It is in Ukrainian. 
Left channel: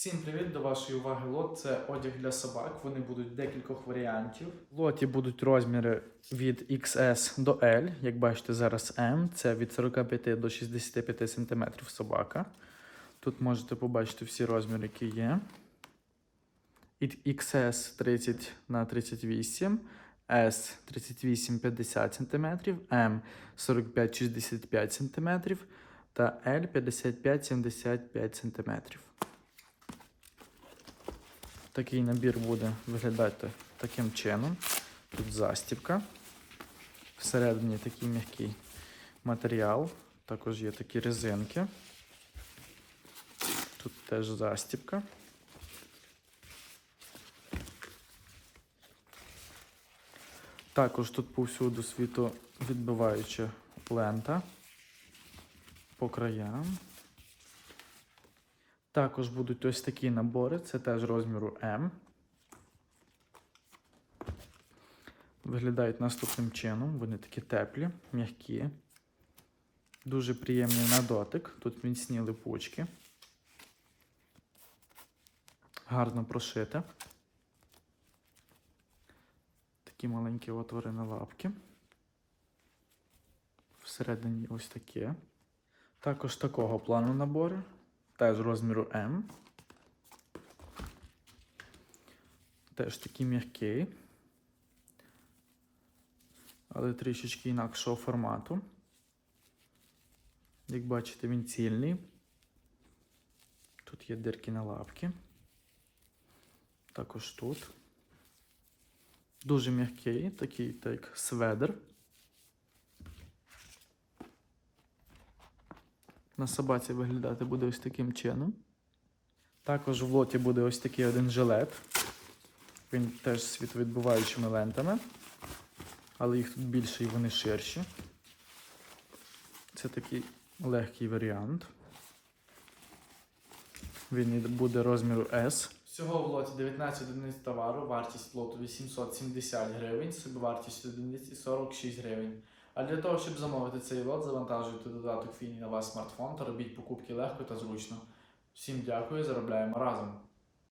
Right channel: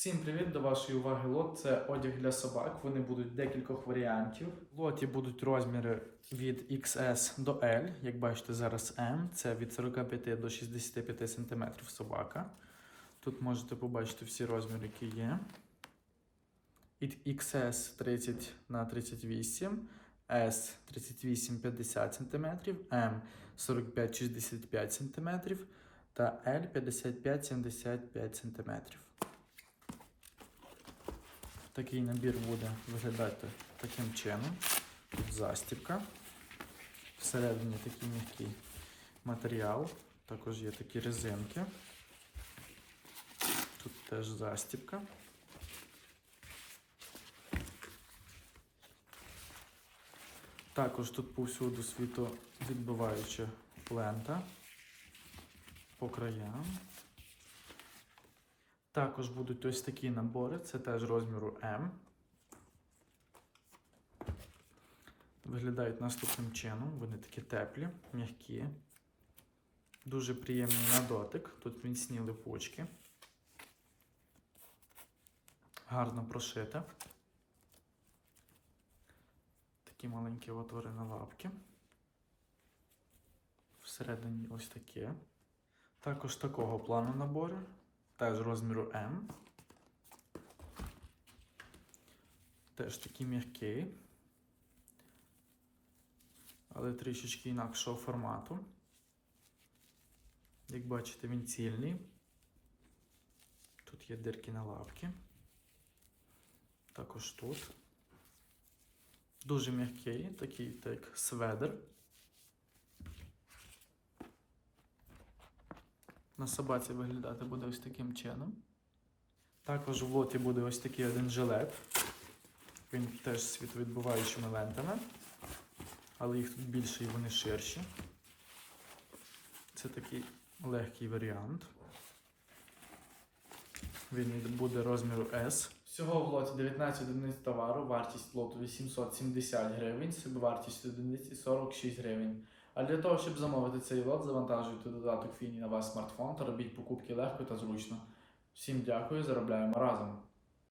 Всім привіт до вашої уваги лот. Це одяг для собак. Вони будуть декількох варіантів. В лоті будуть розміри від XS до L. Як бачите, зараз M. Це від 45 до 65 см собака. Тут можете побачити всі розміри, які є. XS 30 на 38, S 38-50 см, M 45-65 см та L 55-75 см. Такий набір буде виглядати таким чином. Тут застібка. Всередині такий м'який матеріал. Також є такі резинки. Тут теж застібка. Також тут повсюду світовідбиваюча лента по краям. Також будуть ось такі набори, це теж розміру М. Виглядають наступним чином. Вони такі теплі, м'які. Дуже приємний на дотик. Тут міцні липучки. Гарно прошите. Такі маленькі отвори на лапки. Всередині ось таке. Також такого плану набори. Теж розміру М. Теж такий м'який. Але трішечки інакшого формату. Як бачите, він цільний. Тут є дирки на лапки. Також тут. Дуже м'який, такий так сведер. На собаці виглядати буде ось таким чином. Також в лоті буде ось такий один жилет. Він теж з світовідбиваючими лентами. Але їх тут більше і вони ширші. Це такий легкий варіант. Він буде розміру S. Всього в лоті 19 одиниць товару, вартість лоту 870 гривень, собівартість одиниці 46 гривень. А для того, щоб замовити цей лот, завантажуйте додаток Фіні на ваш смартфон та робіть покупки легко та зручно. Всім дякую, заробляємо разом!